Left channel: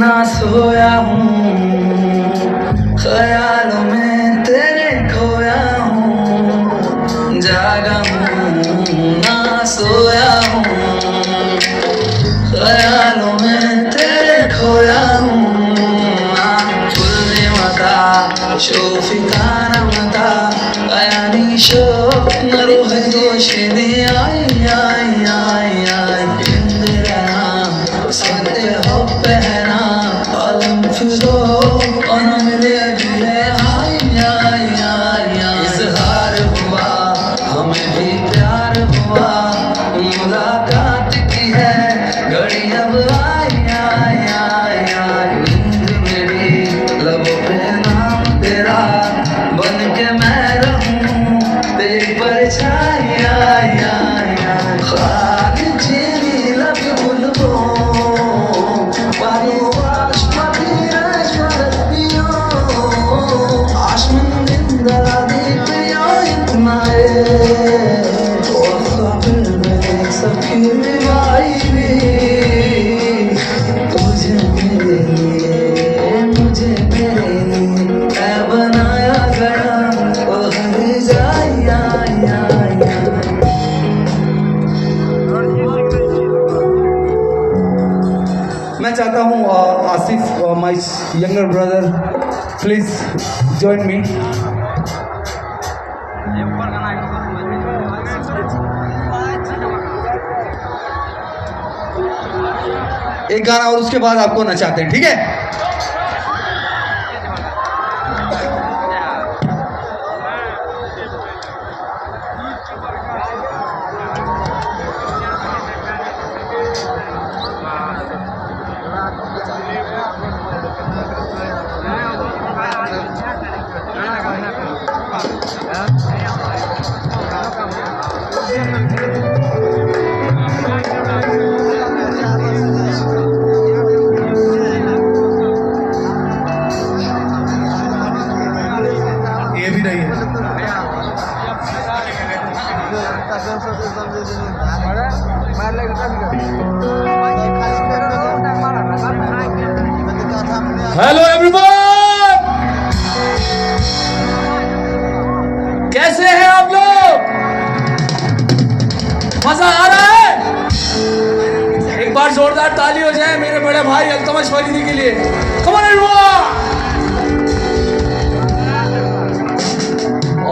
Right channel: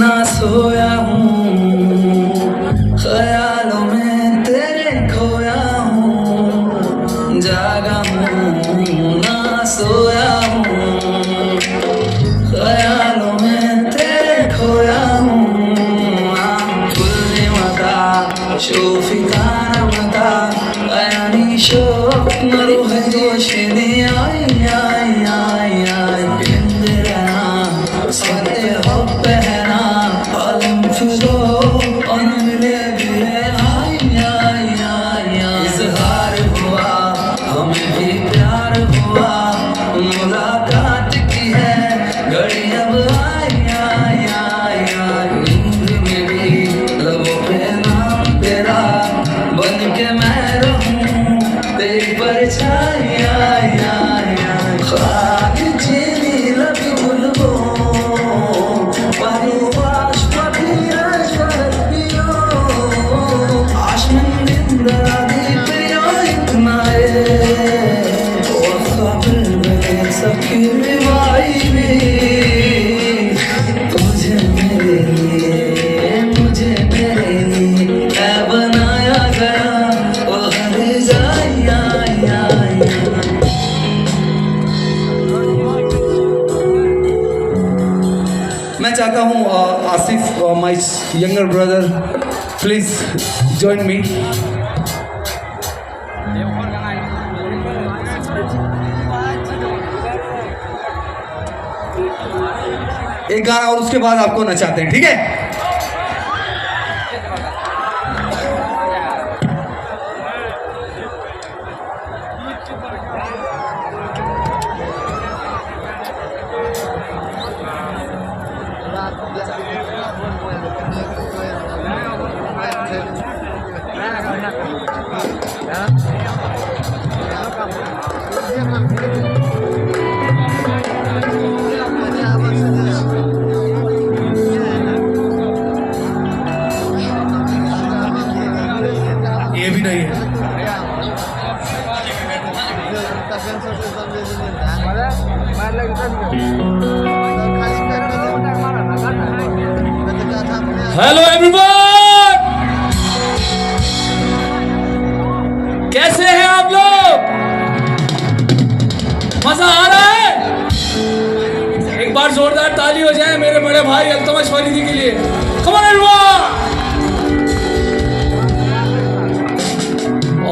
ना सोया हूँ, ख्यालों में तेरे खोया हूँ, जागा हूँ ना सोया हूँ, ख्यालों में तेरे खोया हूँ, शोफी काना मता बयानी शो मरूह जोशने आई आई आई आई इंदिरा संदे हो पहना आलम फिरो अनमिले बिले आई आई आई इजहार हुआ हमें भी प्यार हुआ मुलाकात की है घड़ी अब आई आई आई आई नींद मेरी लबों पे बन के मैं रहूं तेरी परछाई आई आई ख्वाब चीनी लबी बुलबो पानी वाश पति रशदियो आसमान जिंदा दिखया इतना ओ ख्वाब में सबकी मिलाई भी मुझे मेरे लिए है बनाया गया ओ हर जाई आई आई मैं चाहता हूँ Asif my younger brother please join me एक गाना और उसके बाद आपको नचाते हैं ठीक है ये भी नहीं है हेलो एवरीवन कैसे हैं आप लोग मजा आ रहा है एक बार जोरदार ताली हो जाए मेरे बड़े भाई अल्तमश फरीदी के लिए कम ऑन एवरीवन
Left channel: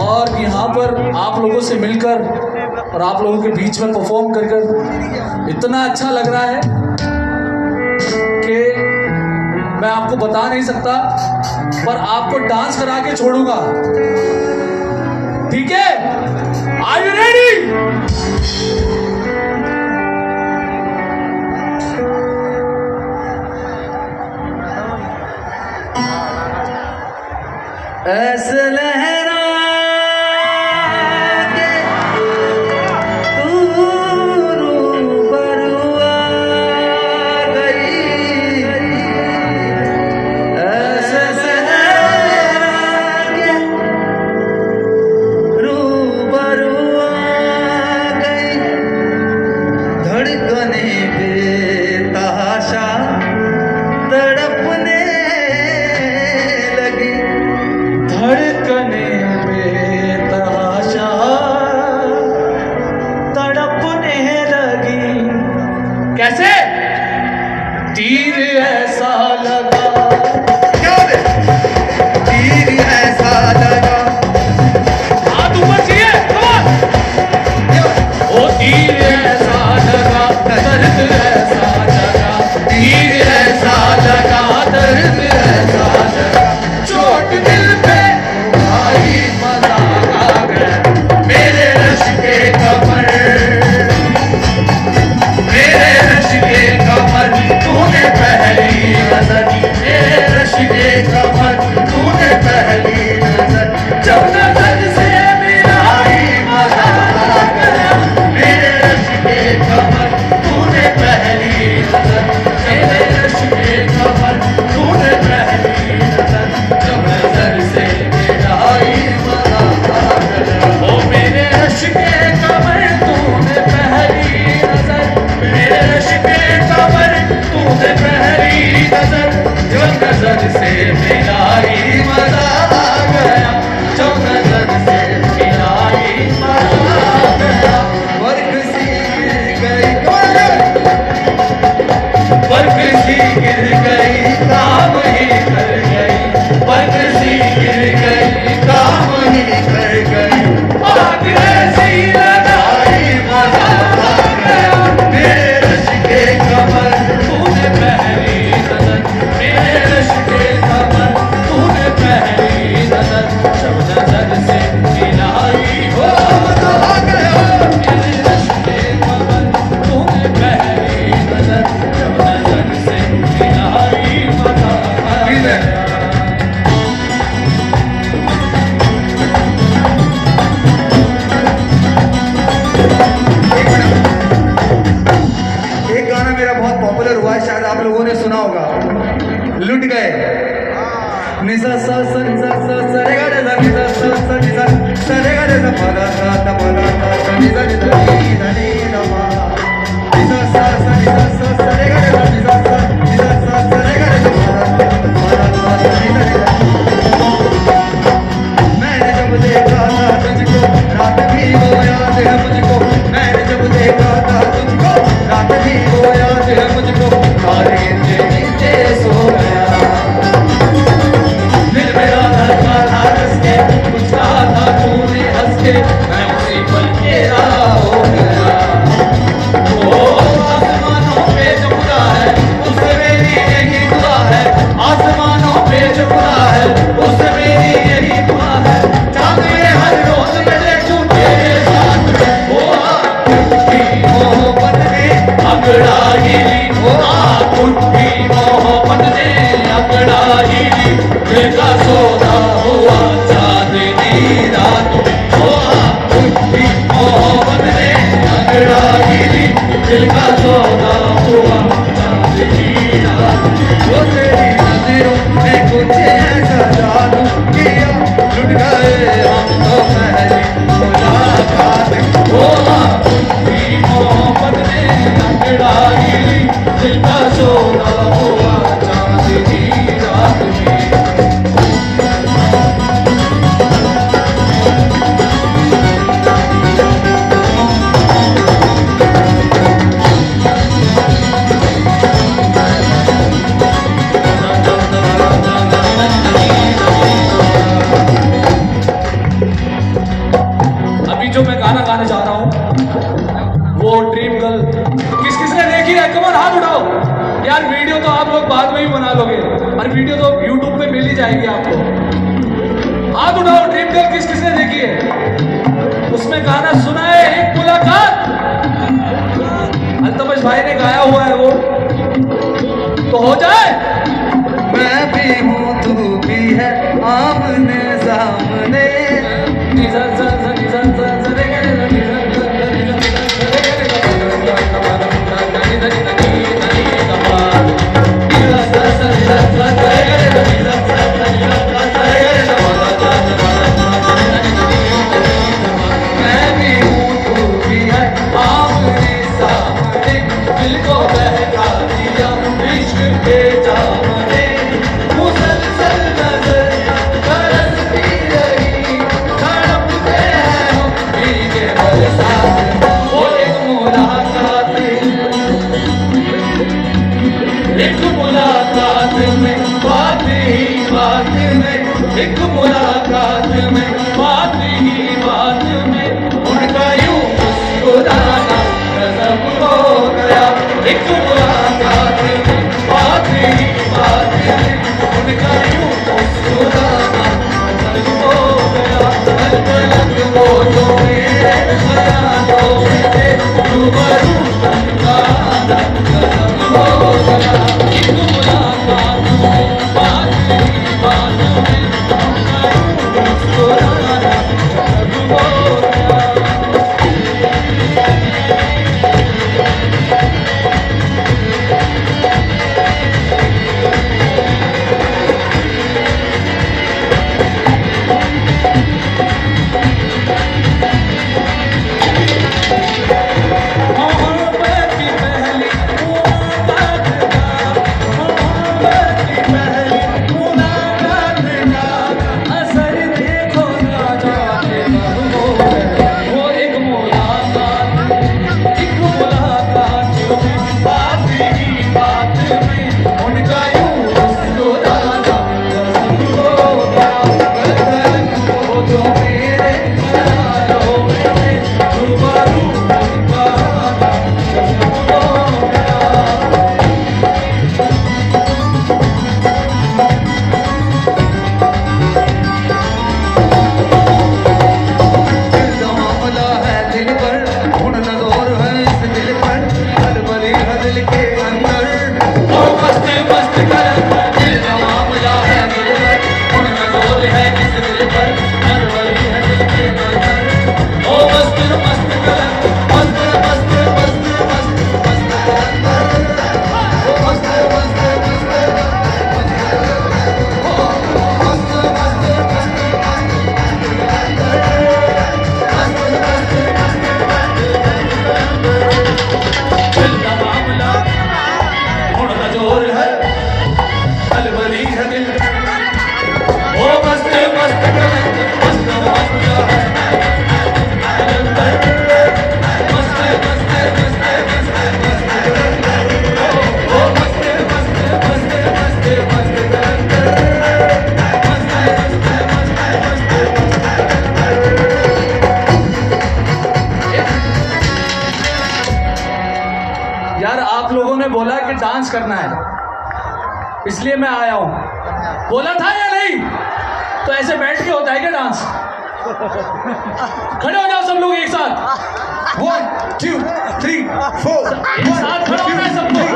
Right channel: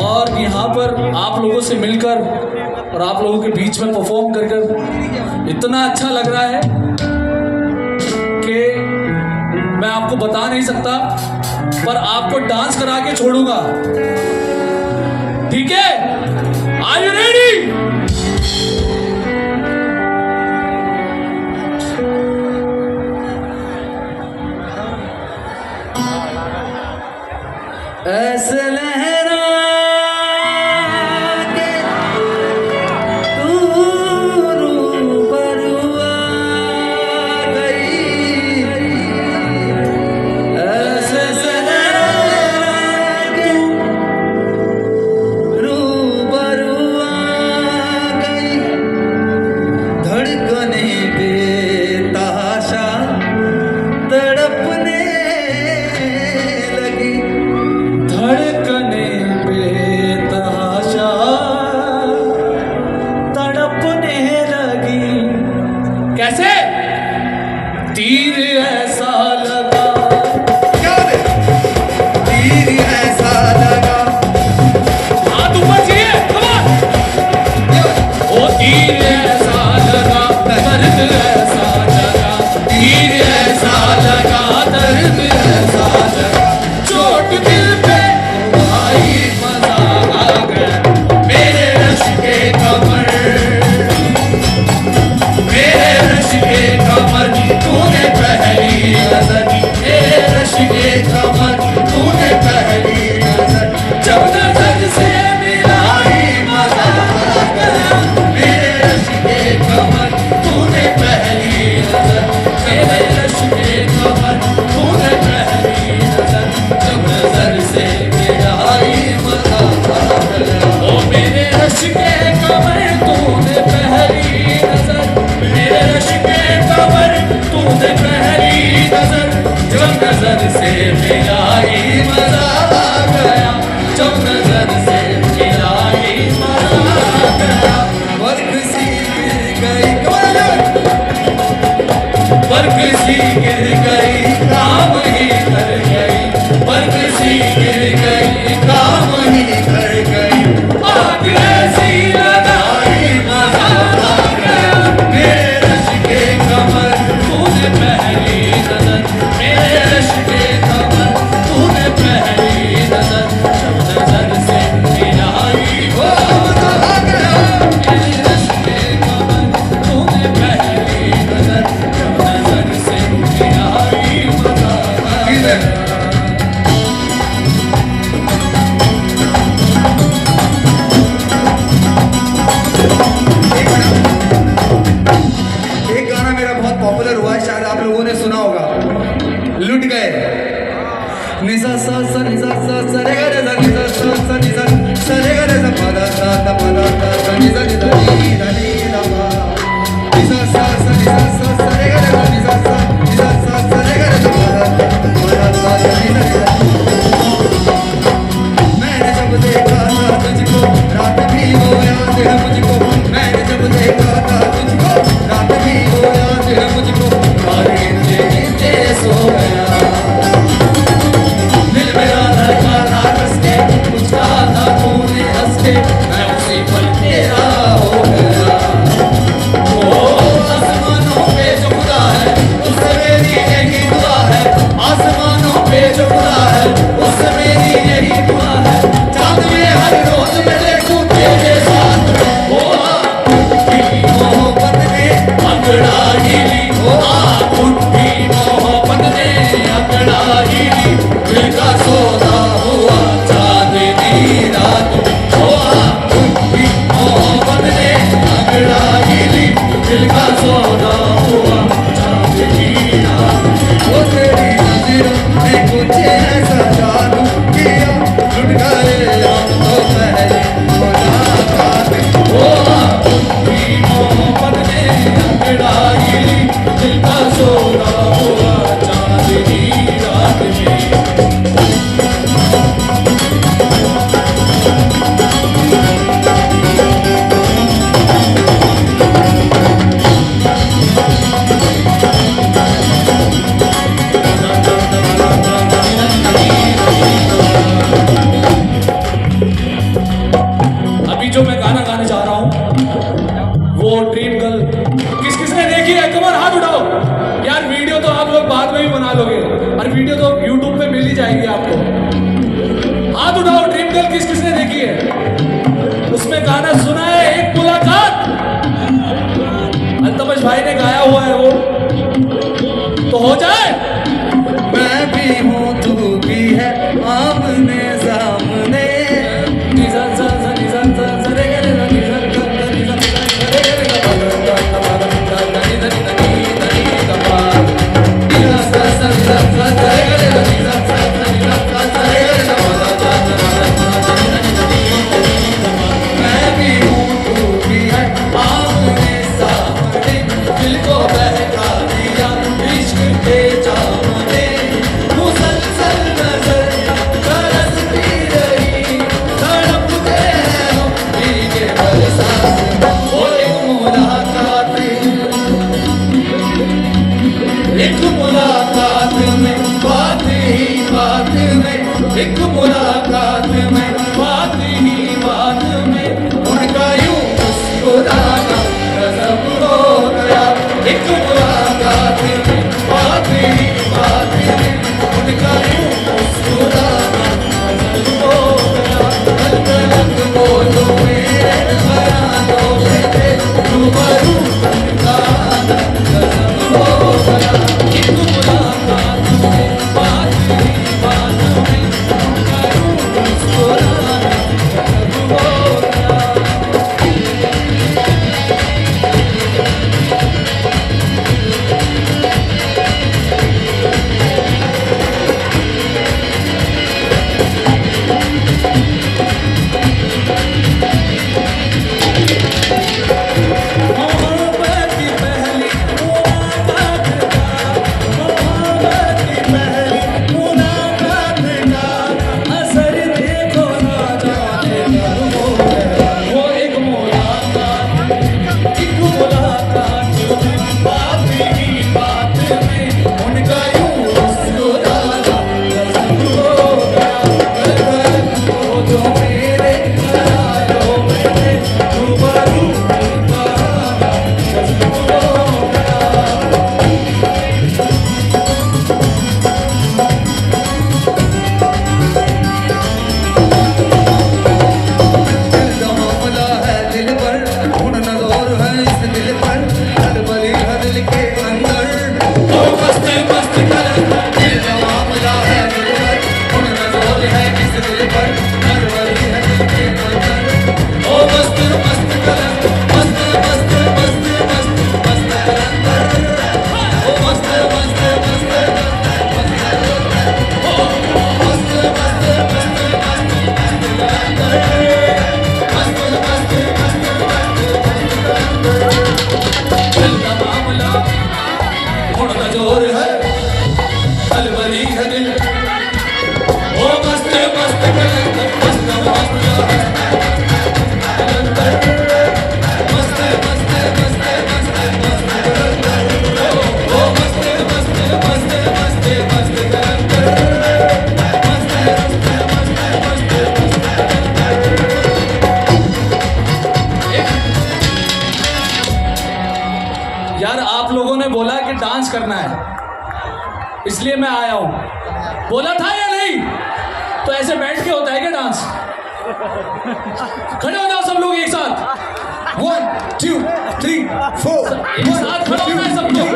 और यहाँ पर आप लोगों से मिलकर और आप लोगों के बीच में परफॉर्म कर इतना अच्छा लग रहा है कि मैं आपको बता नहीं सकता पर आपको डांस करा के छोड़ूंगा ठीक है आर यू रेडी ऐसे लहरा कैसे तीर ऐसा लगा क्या बे तीर ऐसा लगा हाथ ऊपर चाहिए ओ तीर ऐसा लगा दर्द ऐसा लगा तीर ऐसा लगा दर्द ऐसा लगा चोट दिल पे भाई मजा आ गया मेरे रश के कमर मेरे रश के कमर तूने पहले मिला ही मजा आ गया, जब नजर से मिला ही मजा आ गया। वर्क सी गिर गई, वर्क सी गिर गई, काम ही कर गई, वर्क सी गिर गई, काम ही कर गई। आग ऐसी लगाई मजा आ गया, मेरे रश के कमर तूने पहली नजर, मेरे रश के कमर तूने पहली नजर, जब नजर से मिलाई वो मजा आ गया, मेरे रश के कमर तूने पहली नजर, जब नजर से मिलाई मजा आ गया। एक गाना मेरा बहुत पॉपुलर हुआ है, शायद आप लोगों ने सुना होगा, लुट गए। निसा सा सा निसा सा सा रे गा रे सा निसा सा सा निसा सा रे गा रे सा पा दा सा दा पा दा सा सा निसा निसा नी दा नी दा पा। निसा सा सा निसा सा सा रे गा रे सा निसा सा सा रे गा रे सा पा दा सा सा निसा निसा। मैंने जब देखा था तुझको रात भी वो याद है मुझको, मैंने जब देखा था तुझको रात भी वो याद है मुझको, तारे नीचे सो गया। दिल मेरा धड़का था हंस के, कुछ कहा था तूने हंस के, मैं उसी पल तेरा हो गया। ओ आसमानों पे जो खुदा है उससे मेरी यही दुआ है, आसमानों पे जो खुदा है उससे मेरी यही दुआ है। चांद में हर रोज मैं देखूं तेरे साथ में, ओ आपकी मोहब्बत ने अंगड़ाई ली, ओ आपकी मोहब्बत ने अंगड़ाई ली, दिल का सौदा हुआ चांदनी रात में, ओ आपकी मोहब्बत ने अंगड़ाई ली, दिल का सौदा हुआ चांदनी रात में। ओ तेरी नजरों ने कुछ ऐसा जादू किया, लुट गए हम तो पहली मुलाकात में, ओ आपकी मोहब्बत ने अंगड़ाई ली, दिल का सौदा हुआ चांदनी रात में। अभी जो मैं गाना गाने जा रहा हूँ वो ड्रीम गर्ल किस किसने देखी है, कमर हाथ उठाओ यार। वीडियो तो आप लोग बाद में भी बना लोगे और वीडियो तो यूट्यूब पे मिल ही जाएगी आपको। हाथ उठाओ, ड्रीम गर्ल किस किसने देखी है। उसमें गाना सुना है एक मुलाकात, अल्तमश भाई ने गाया हुआ है वो, तो हो जाए। मैं भी हूँ तू भी है आमने सामने, निजा सा सा निजा सा सा रे गा रे सा निजा सा सा निजा सा सा रे गा रे सा पा दा सा सा पा दा सा सा निजा निजा नी दा नी दा पा। निजा सा सा निजा सा सा रे गा रे सा निजा सा सा निजा सा सा रे गा रे सा पा दा सा सा पा दा सा निजा निजा नी दा पा। मैं भी हूँ तू भी है आमने सामने, दिल को बहका दिया इश्क के जाम ने, मुसलसल नजरियां बरसती रही, तड़पते हैं हम भीगे बरसात में। वो एक मुलाकात में बात ही बात में, एक मुलाकात में बात ही बात में, उनका यूं मुस्कुराना गजब हो गया। एक मुलाकात में बात ही बात में, उनका यूं मुस्कुराना गजब हो गया। अलग वो जो मेरे ख्यालों में थे, रूबरू उनका आना गजब हो गया। एक मुलाकात में बात ही बात में, उनका यूं मुस्कुराना कलंदर दिल का मामला है दिलबर उनका जोर है इस दिल पर नरवरी है दिल के अंदर ओ मस्त मस्त कलंदर मस्त मस्त मस्त मस्त मस्त कलंदर ओ मस्त मस्त मस्त ओ मस्त मस्त मस्त दिल का मामला उनका जोर है अलवरी है दिल ओ मस्त मस्त कलंदर मस्त मस्त कलंदर मस्त मस्त मस्त मस्त मस्त कलंदर ओ मस्त मस्त मस्त मस्त मस्त कलंदर मस्त मस्त मस्त यार आप लोगों ने बोला कि डांस करना है इसलिए मैं आया हूं बोला था या नहीं तो ऐसे बैठ के होता है क्या डांस खड़े हो जाओ सब लोग एक साथ 1 2 3 4 एक साथ खड़े हो गए सब लोग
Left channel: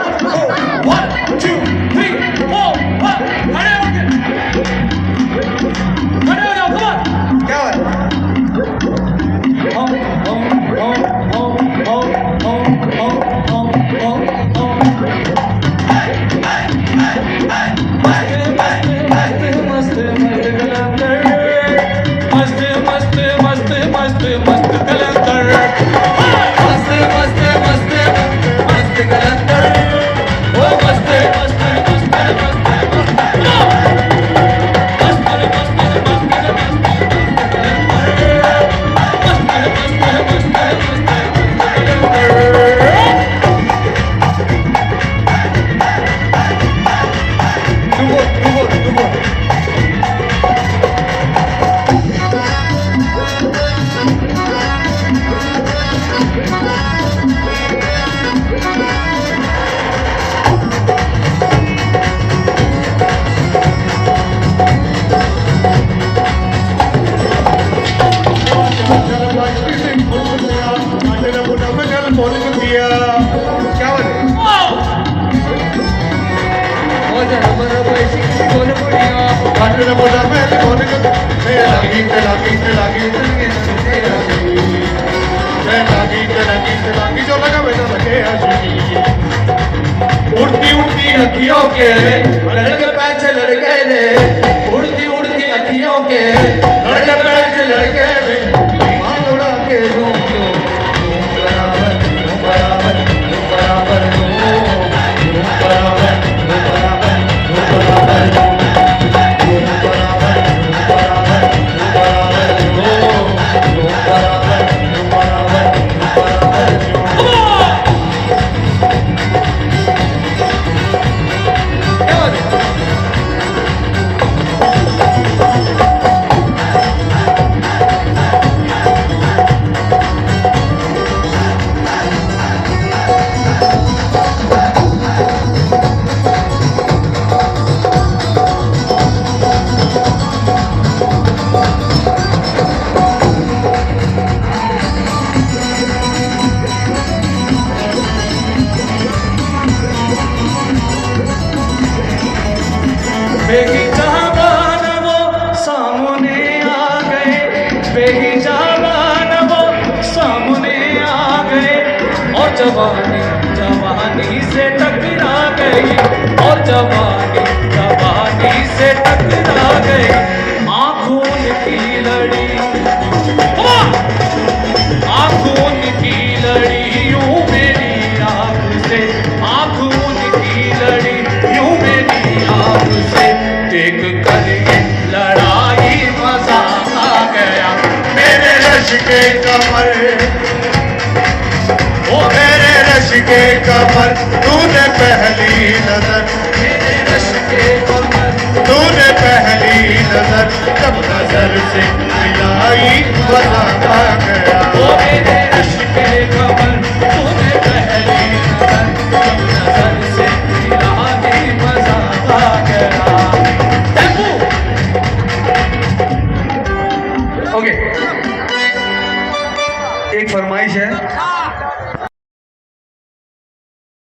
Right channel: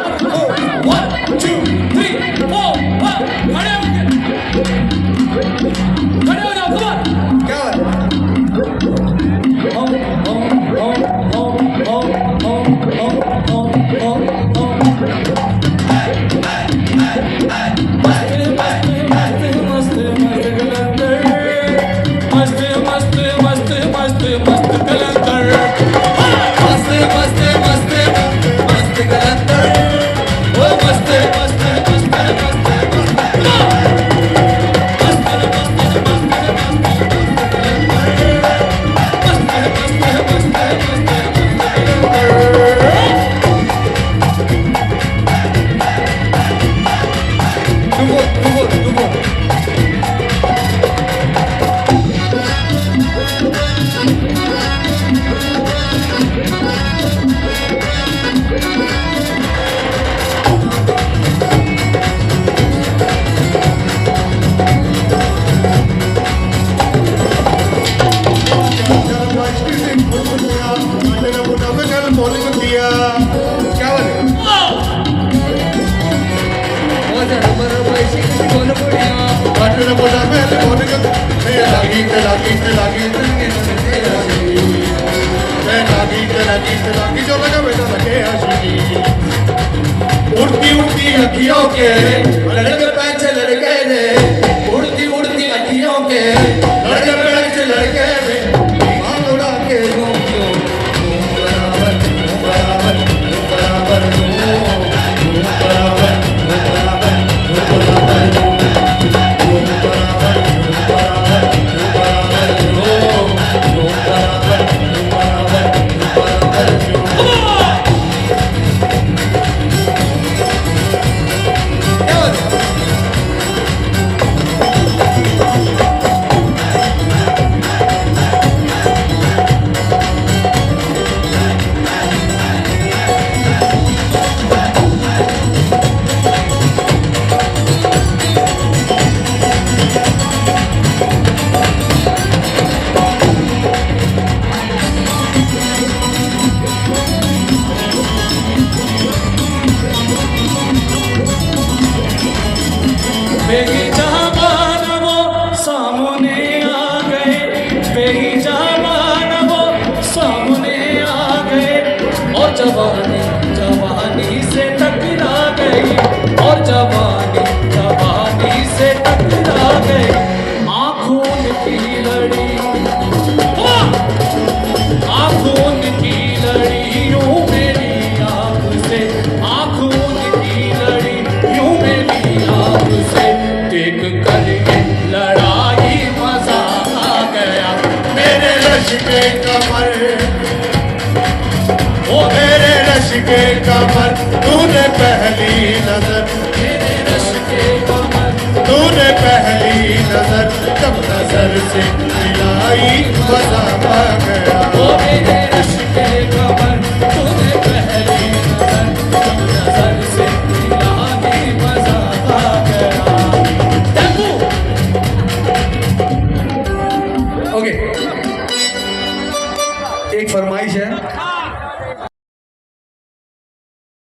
1 2 3 4 खड़े हो गए खड़े हो जाओ कम क्या उड़ती उड़ती अखियों के लड़के पैसे लड़के रे उड़ती उड़ती अखियों के लड़के पैसे लड़के रे ईमान उड़ा के घूम बराबर बराबर बराबर जवानी जवानी से टकरा गई और जवानी जवानी से टकरा गई आँखों की लड़ी आँखों की लड़ी यूं मेरी आँख से आँखों की लड़ी यूं मेरी आँख से देख कर ये लड़ाई मजा आ गया मेरे रश के कमर मेरे रश के कमर तूने पहली नजर मेरे रश के कमर तूने पहली नजर जब नजर से मिलाई मजा आ गया